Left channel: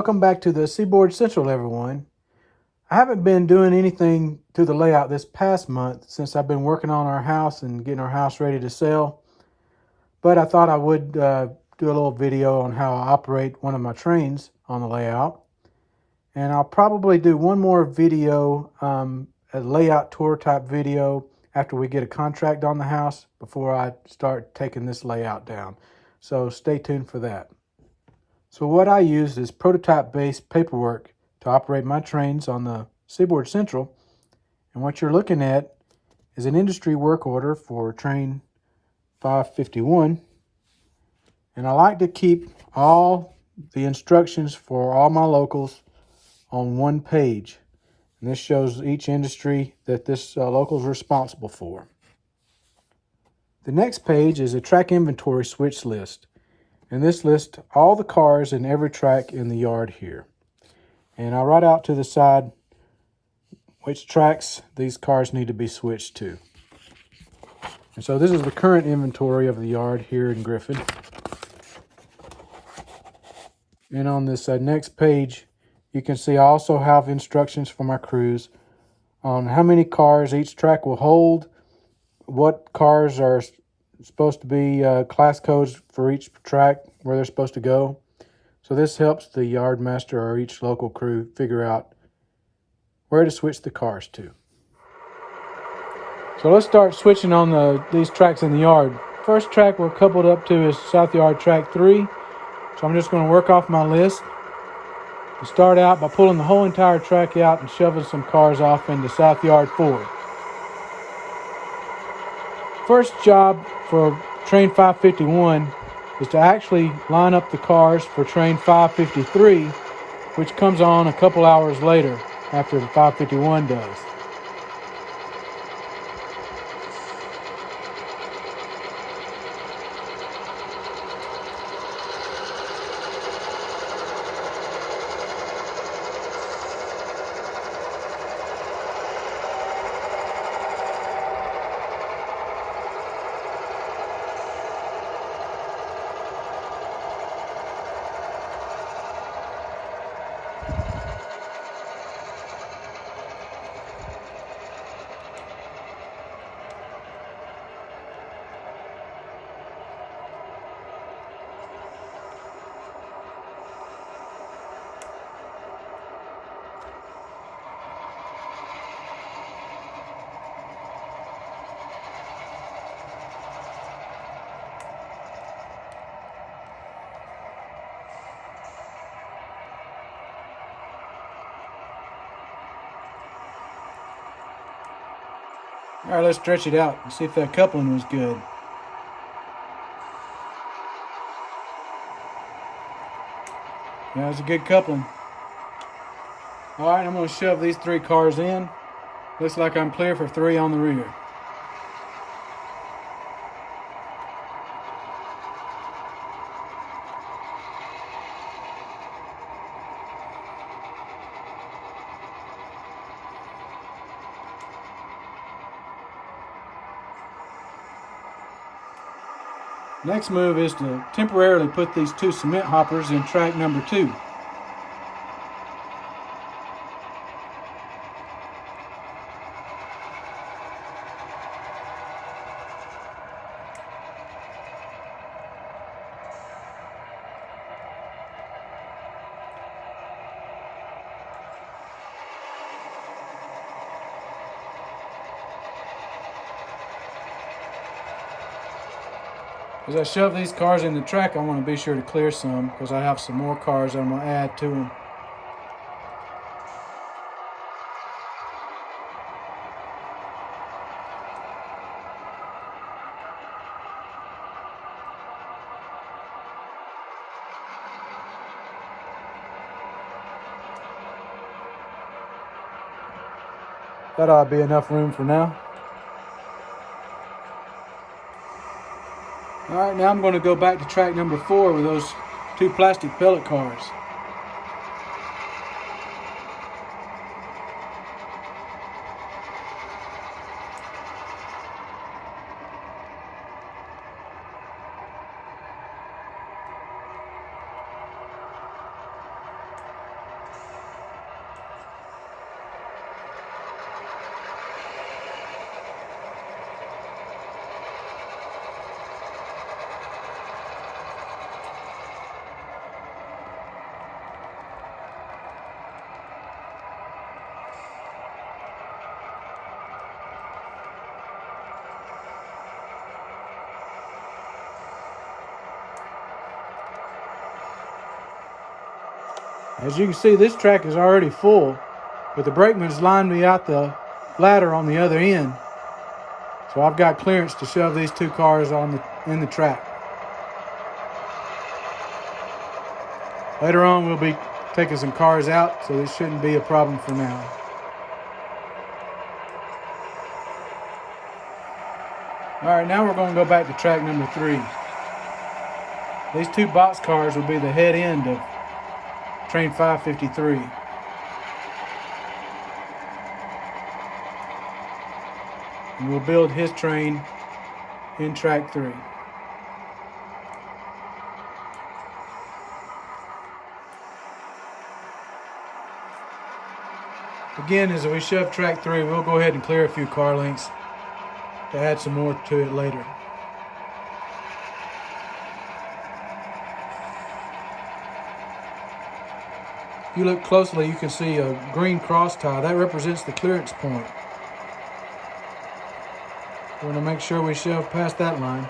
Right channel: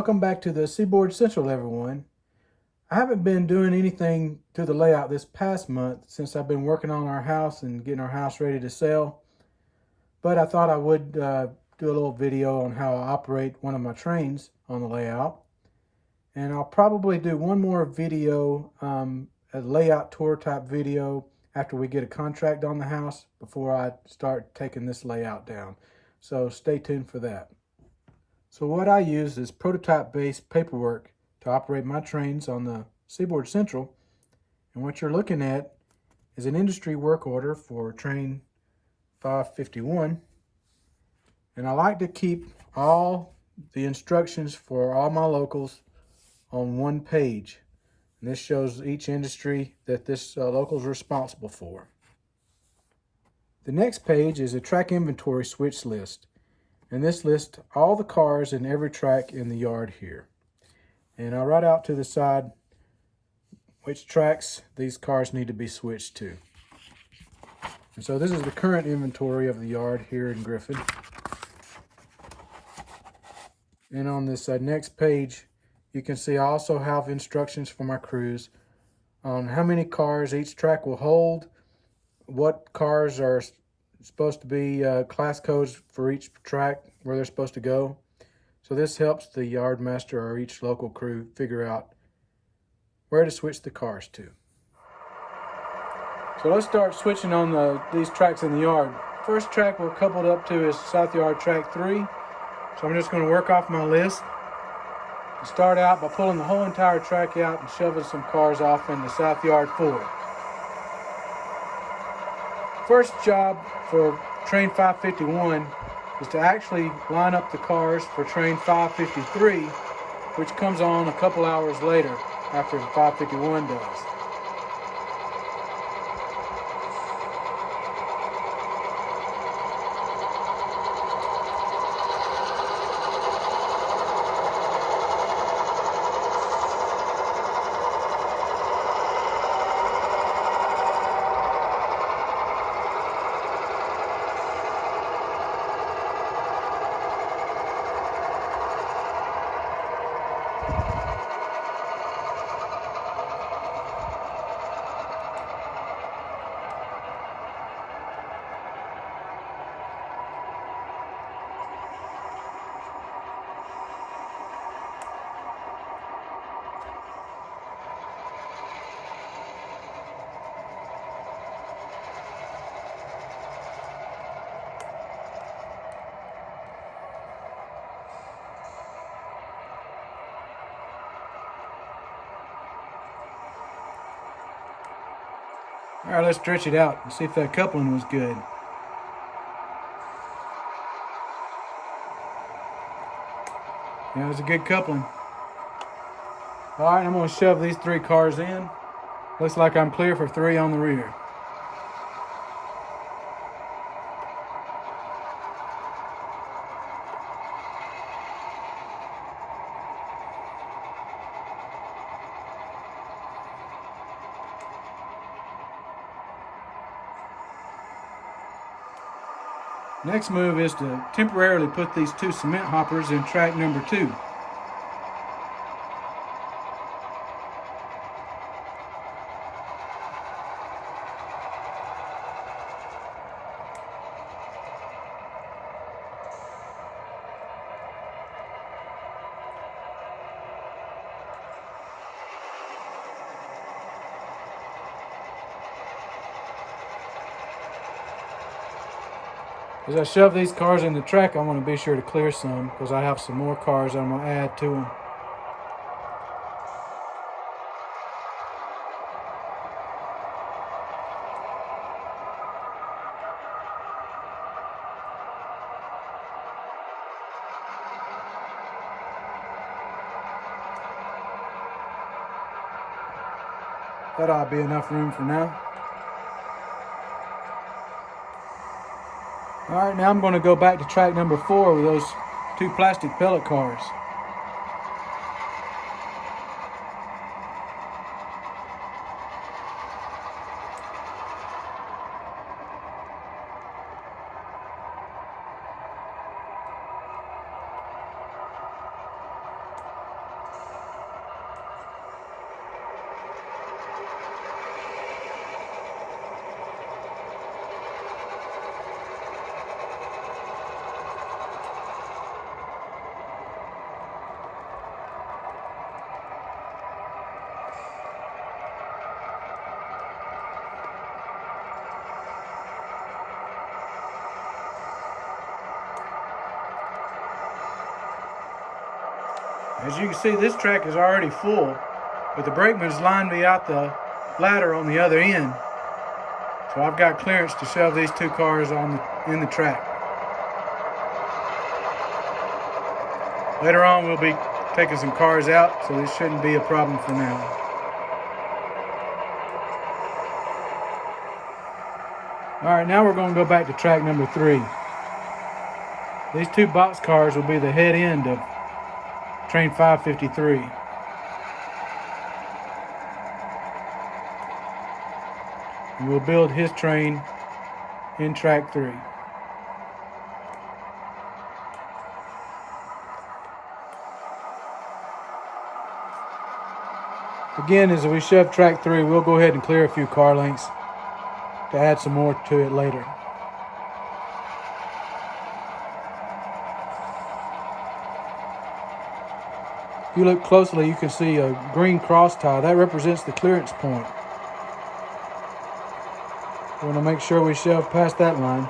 Welcome back to the Seaboard Central, everyone. I haven't been doing anything to the layout this past month since I've been working on our house and getting our house ready to sell, but I thought I would do a little video on how I operate one of my trains on the layout. And I'll probably do one more video, a layout tour type video after we get a contract on the house before I start taking this layout down. So stay tuned for that. So what I used is prototype-based paperwork to operate my trains on the Seaboard Central. And what you're looking at is an industry work order for train 551. And I like to keep all the instructions for all my locals on one page. And this shows each industry that this local is responsible for. The next page is a track inventory switch list. And this lists all the cars in every track in the yard here. And I write out to the side which tracks these cars need to be switched to. And so this is the current inventory of the yard here in Griffin. And on this next page, you can see I also have instructions for my crews on how many cars each track will hold, what cars are supposed to be class codes for each track, where they're supposed to go. So this helps the yard master or each local crew figure out where to switch the cars to. So let's start switching on these tracks in the yard. First track we're coupled up to is South Yard Track 3. So I'm just going to work off my list and start out by pulling the whole entire track out and shoving some cars off into South Yard 4. First job for train 551 is to actually line up the cars for train 553, which comes on a couple hours later after the 551 does. All right, let's stretch it out and see if that coupling was good. Yeah, it was a good coupling. All right, I'm going to shove these 3 cars in. Looks like I'm clear for 3 on the rear. Next move is to temporarily put these 2 cement hoppers in track number 2. As I shove these cars in the track, I want to be sure to clear some because I have some more cars I'm going to add to them. That ought to be enough room for now. All right, now I'm going to go back to track number 4 with those 2 plastic pellet cars. As you can see, this track is already full, but the brakeman's lined me out the ladder on the other end. So I've got clearance to shove these two cars in the track. Later on, we'll be taking some cars out, so this shouldn't be a problem for now. All right, now we're going to go back to track number 3. These two box cars will be the head end of train 553. And we'll build his train in track 3. Again, as we shove track 3, we'll go ahead and clear a few car lengths to add some more to it later. If you look closely, you can see a green cross tie. That represents the clearance point. We want to make sure we shove past that line.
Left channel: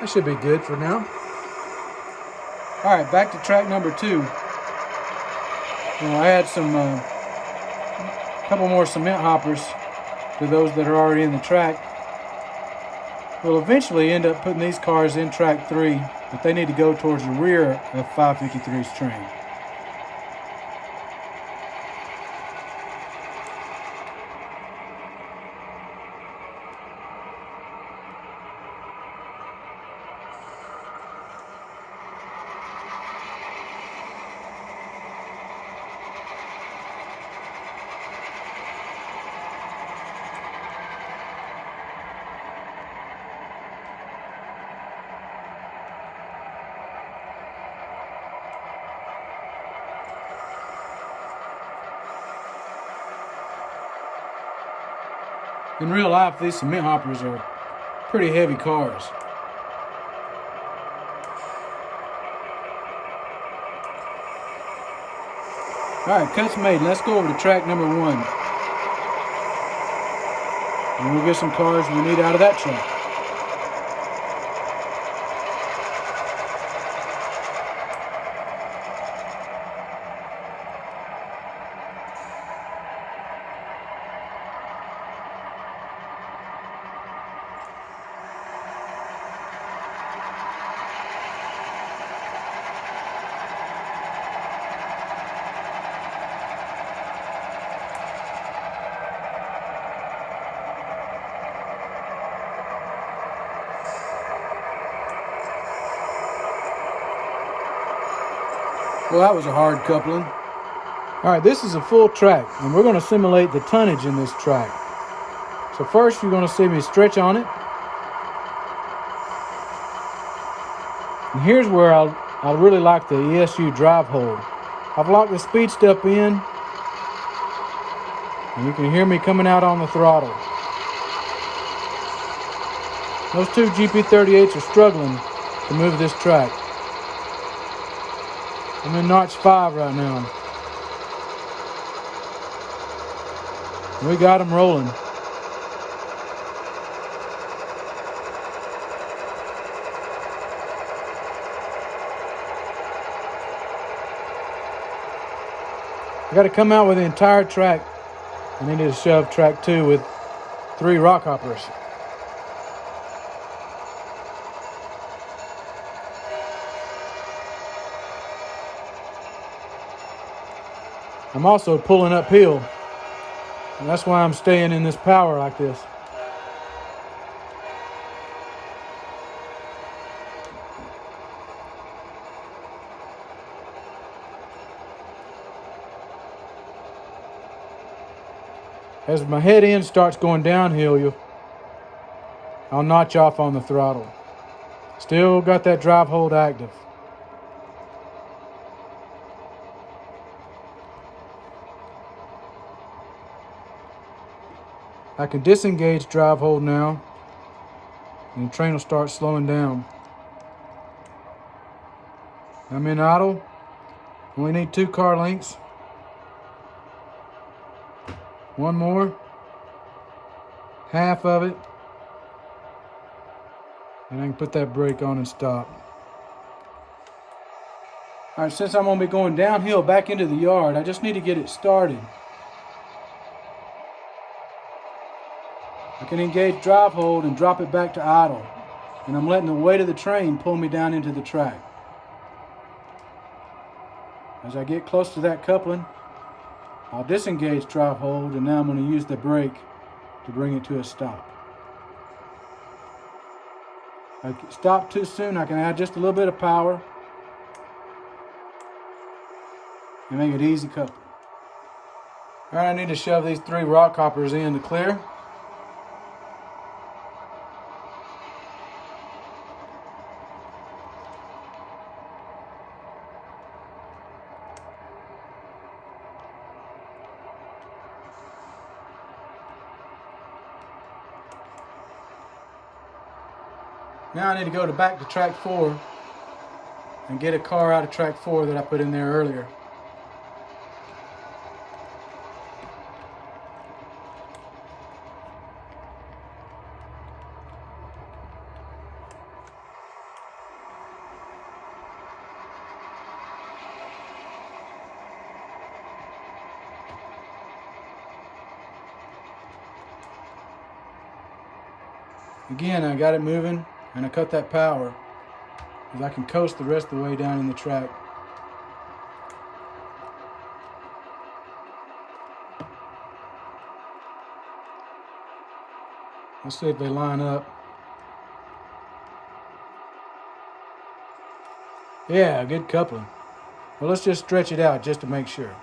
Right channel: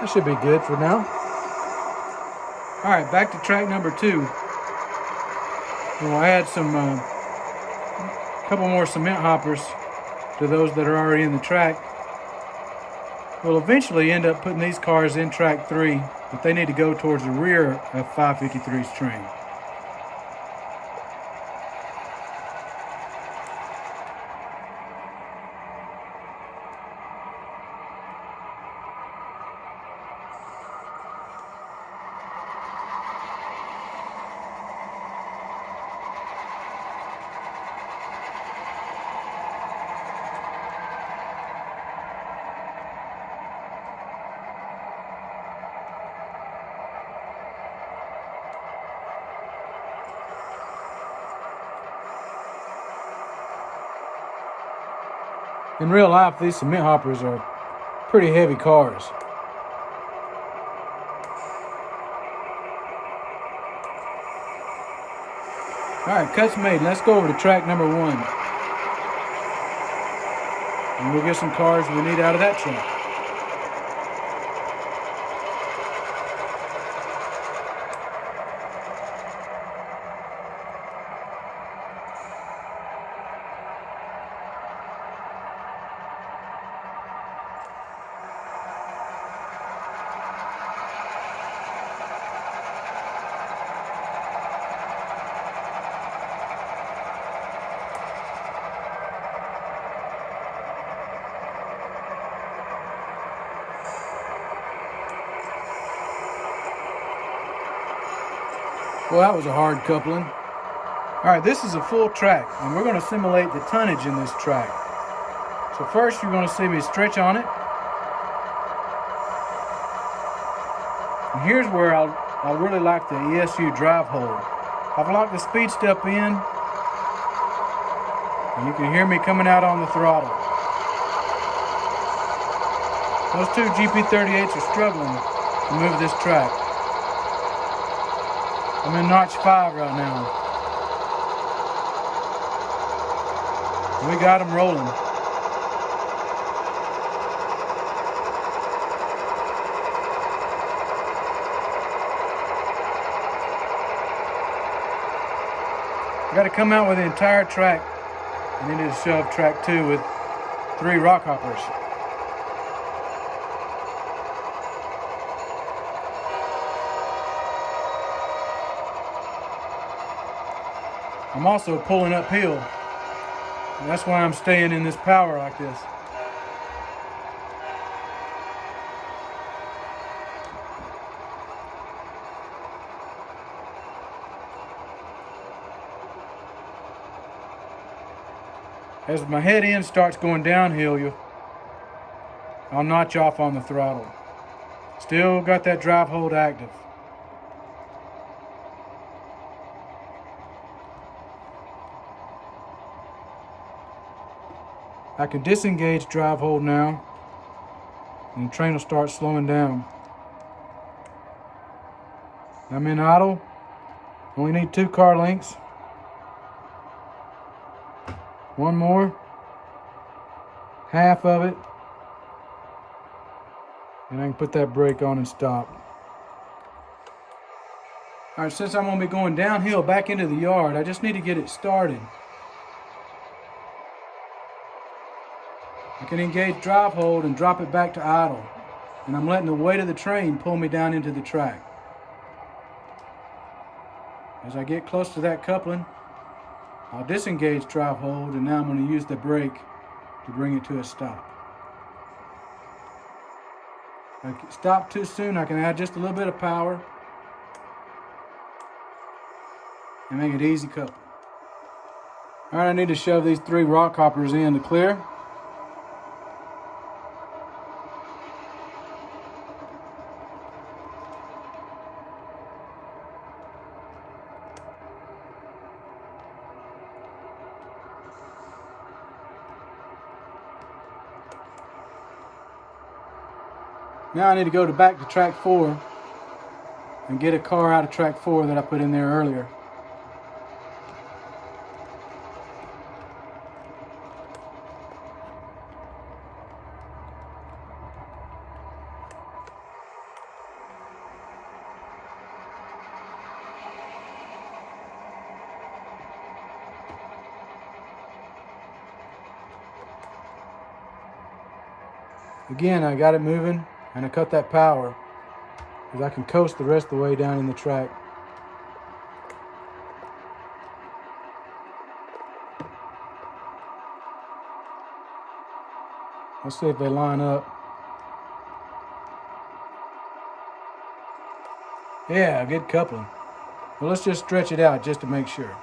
That should be good for now. All right, back to track number 2. We'll add some couple more cement hoppers to those that are already in the track. We'll eventually end up putting these cars in track 3, but they need to go towards the rear of 553's train. In real life, these cement hoppers are pretty heavy cars. All right, cuts made. Let's go over to track number 1. And we'll get some cars we need out of that track. Well, that was a hard coupling. All right, this is a full track, and we're going to simulate the tonnage in this track. So first, you're going to see me stretch on it. And here's where I really like the ESU drive hold. I've locked the speed step in, and you can hear me coming out on the throttle. Those two GP38s are struggling to move this track. I'm in notch 5 right now. We got them rolling. I got to come out with the entire track. I need to shove track 2 with 3 rock hoppers. I'm also pulling uphill, and that's why I'm staying in this power like this. As my head end starts going downhill, I'll notch off on the throttle. Still got that drive hold active. I can disengage drive hold now, and the train will start slowing down. I'm in idle. Only need 2 car lengths. One more. Half of it. And I can put that brake on and stop. All right, since I'm gonna be going downhill back into the yard, I just need to get it started. I can engage drive hold and drop it back to idle. And I'm letting the weight of the train pull me down into the track. As I get close to that coupling, I'll disengage drive hold, and now I'm going to use the brake to bring it to a stop. If I stop too soon, I can add just a little bit of power and make it easy coupling. All right, I need to shove these 3 rock hoppers in to clear. Now I need to go back to track 4 and get a car out of track 4 that I put in there earlier. Again, I got it moving and I cut that power because I can coast the rest of the way down in the track. Let's see if they line up. Yeah, good coupling. Well, let's just stretch it out just to make sure.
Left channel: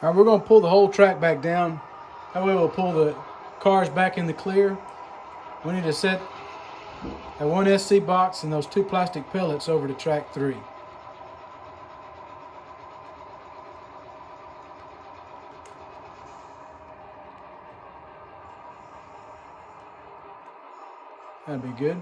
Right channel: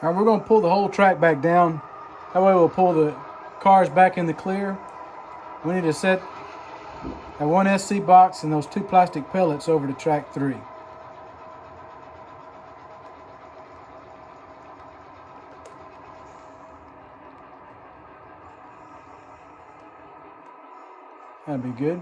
All right, we're going to pull the whole track back down. That way we'll pull the cars back in the clear. We need to set that 1 SC box and those 2 plastic pellets over to track 3. That'd be good.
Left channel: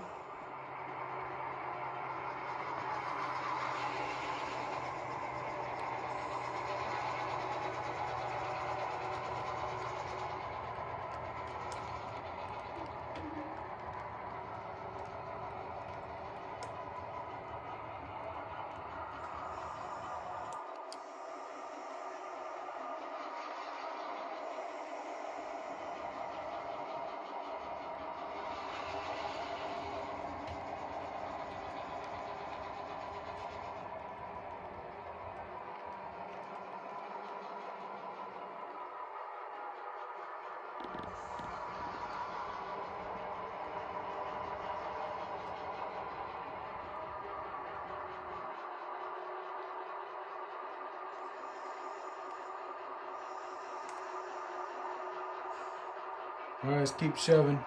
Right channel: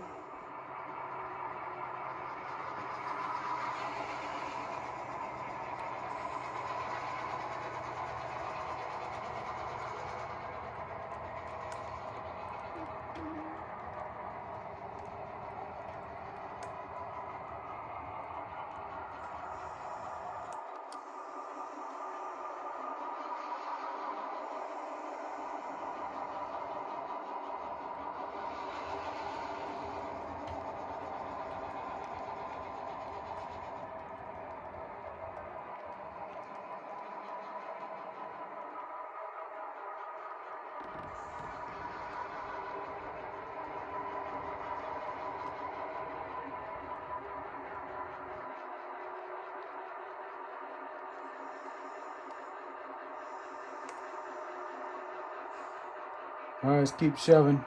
All right, let's keep shoving.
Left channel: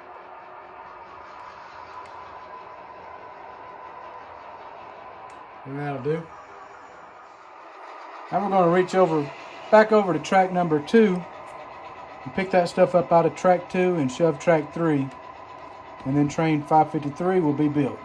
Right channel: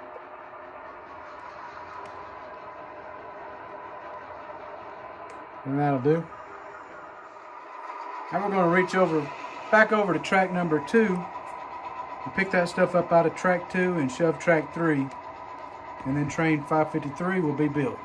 And that'll do. Now we're going to reach back over to track number 2 and pick that stuff up out of track 2 and shove track 3. And then train 553 will be built.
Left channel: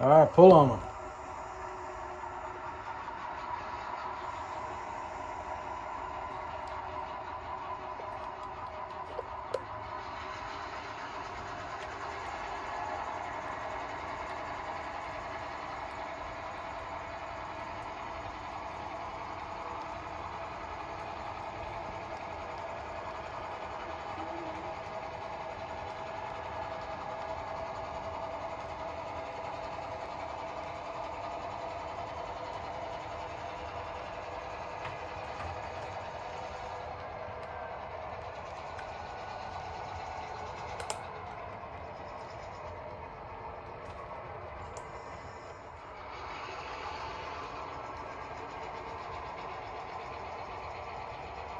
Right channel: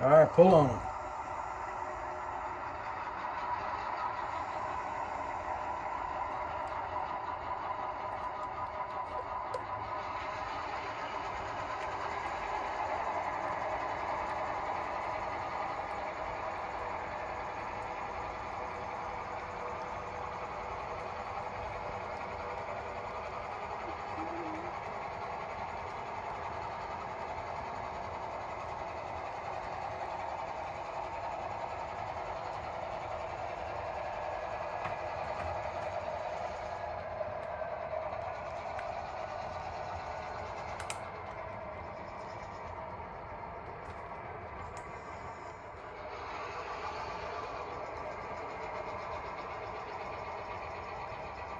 All right, pull on them.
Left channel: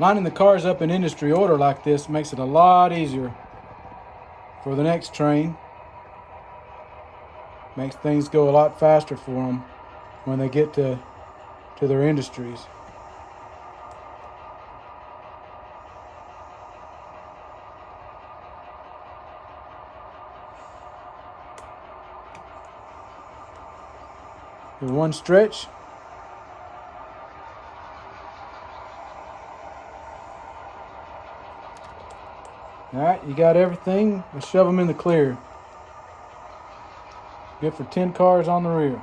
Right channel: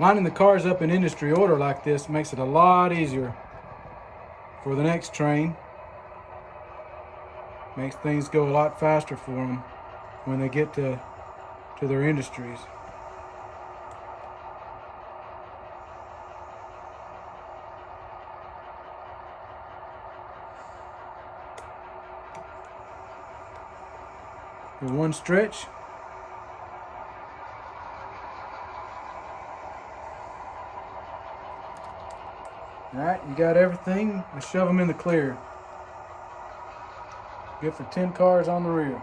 Lining the cars up in industry order like this makes it a lot easier for the next train. Makes things go a lot faster for them when they get to their industries. Do one stretch. All right, you got everything. We shove them in the clear. Good for 10 cars on the rear.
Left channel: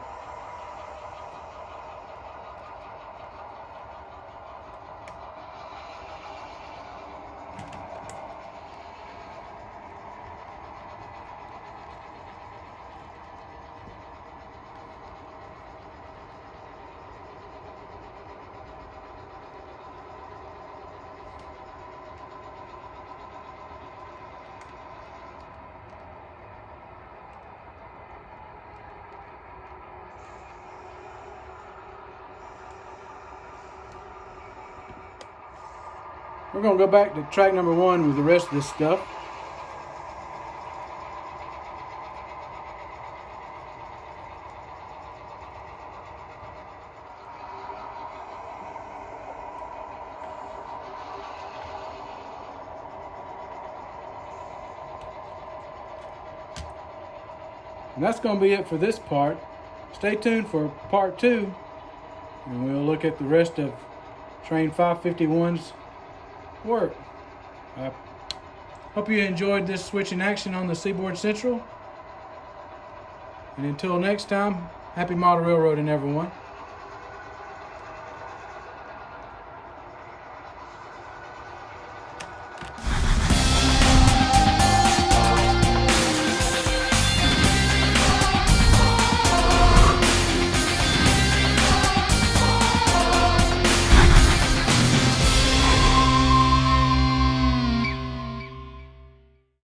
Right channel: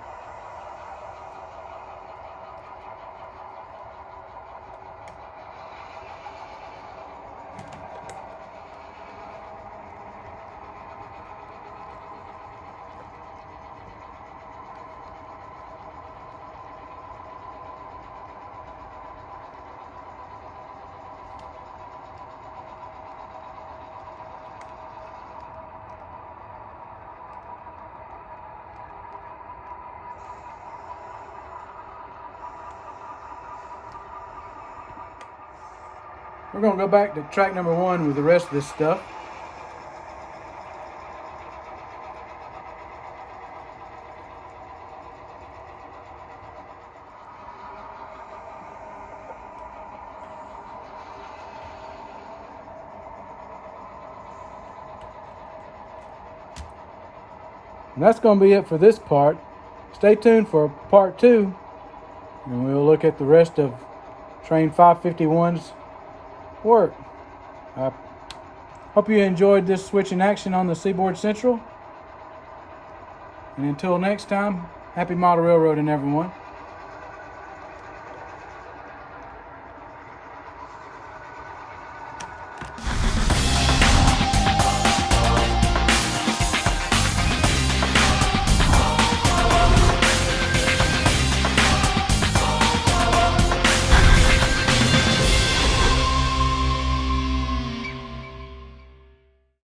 We're going to go back to track number 1 with the rest of this stuff. And that's going to be it for this part. Stay tuned for part 2, and we'll look at the rest of train 551's work. I hope you enjoyed this switch in action on the Seaboard Central. And until next time, happy model railroading, everyone.